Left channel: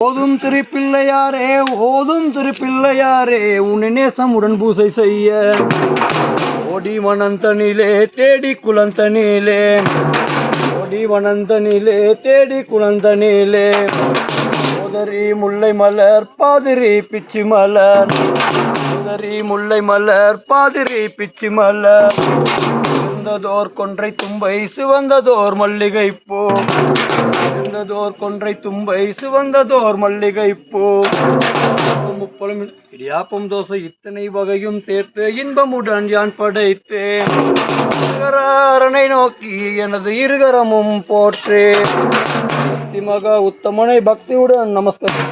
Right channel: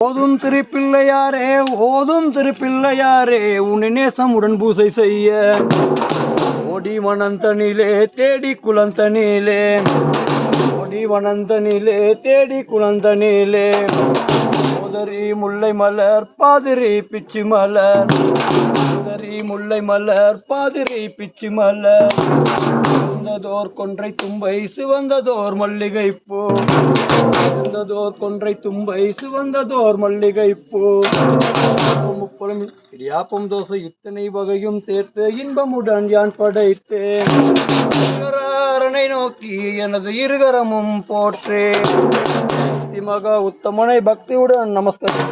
ஓதும் திருப்பிள்ளையாரே ஓதும் திருப்பிள்ளையாரே உன்னை நேசம் உடன் பூசை செய்ய ஓடி வனந்தனிலே தேடி குளந்தனிலே ஓடி வனந்தனிலே தேடி குளந்தனிலே உதறி முல்லை மலர் பாதிரி பிச்சி மலர் உதறி முல்லை மலர் பாதிரி பிச்சி மலர் சிவந்ததோர் கொன்றை தும்பை சிவந்ததோர் மல்லிகை பூ சிவந்ததோர் கொன்றை தும்பை சிவந்ததோர் மல்லிகை பூ முப்பலும் இடியாப்பம் தோசை இத்தனை வகையும் சேர்த்து இன்பமுடன் யான் படைத்தேன் அரனை நோக்கி எனது இருகரமும் போற்றேன் மகா உத்தமனை பக்தியுடன் நமஸ்காரம்.